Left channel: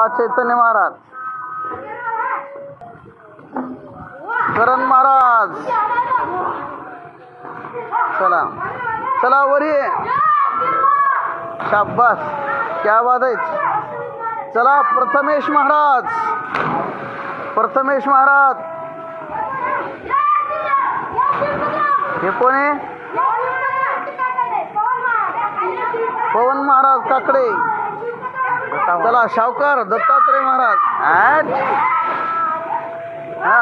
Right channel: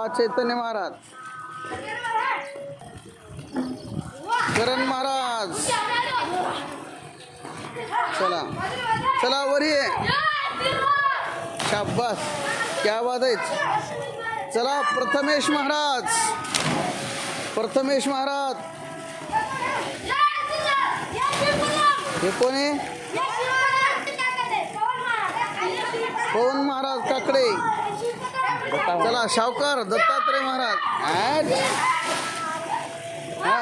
वा चैतन्य महाराज. करण महाराज. चला. चला वरी ये. शाबास. क्या बात आहे. चला प्रथमेश महाराज. प्रथमेश महाराज. हे कोण आहे? पवन महाराज काकडे. चला शावकार दत्तात्रय महाराज. ॲट हा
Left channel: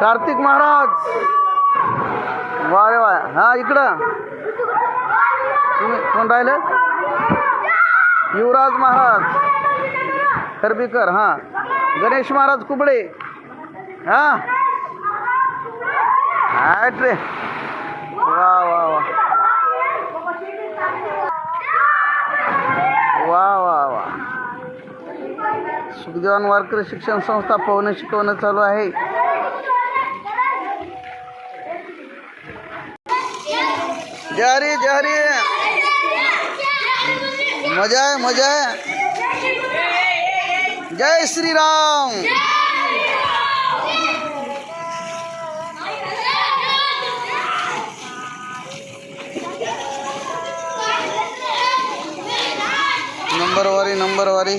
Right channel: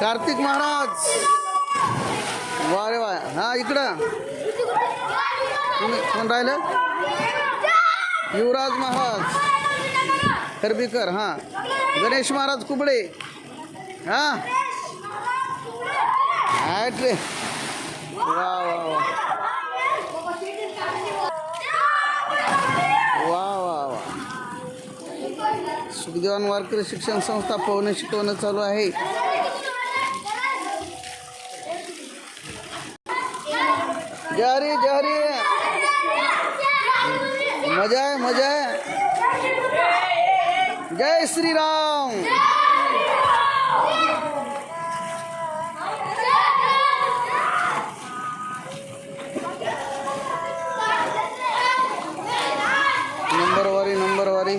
कार्तिक महाराज. वा रे वा हा इकडं. तुम्ही कोण राहिले युवराज महाराज. खरबीकर हां. गणेश महाराज कुबडे. हां. ॲट रे. वा वा वा वा. वा वा. सुखदेवान वारकरी शिक्षण संस्था पोहणं शिकवणं चालू आहे. जय जहरी मज़ा आहे मज़ा आहे. जय श्रीराम. नंबरवारी नंबरवारी.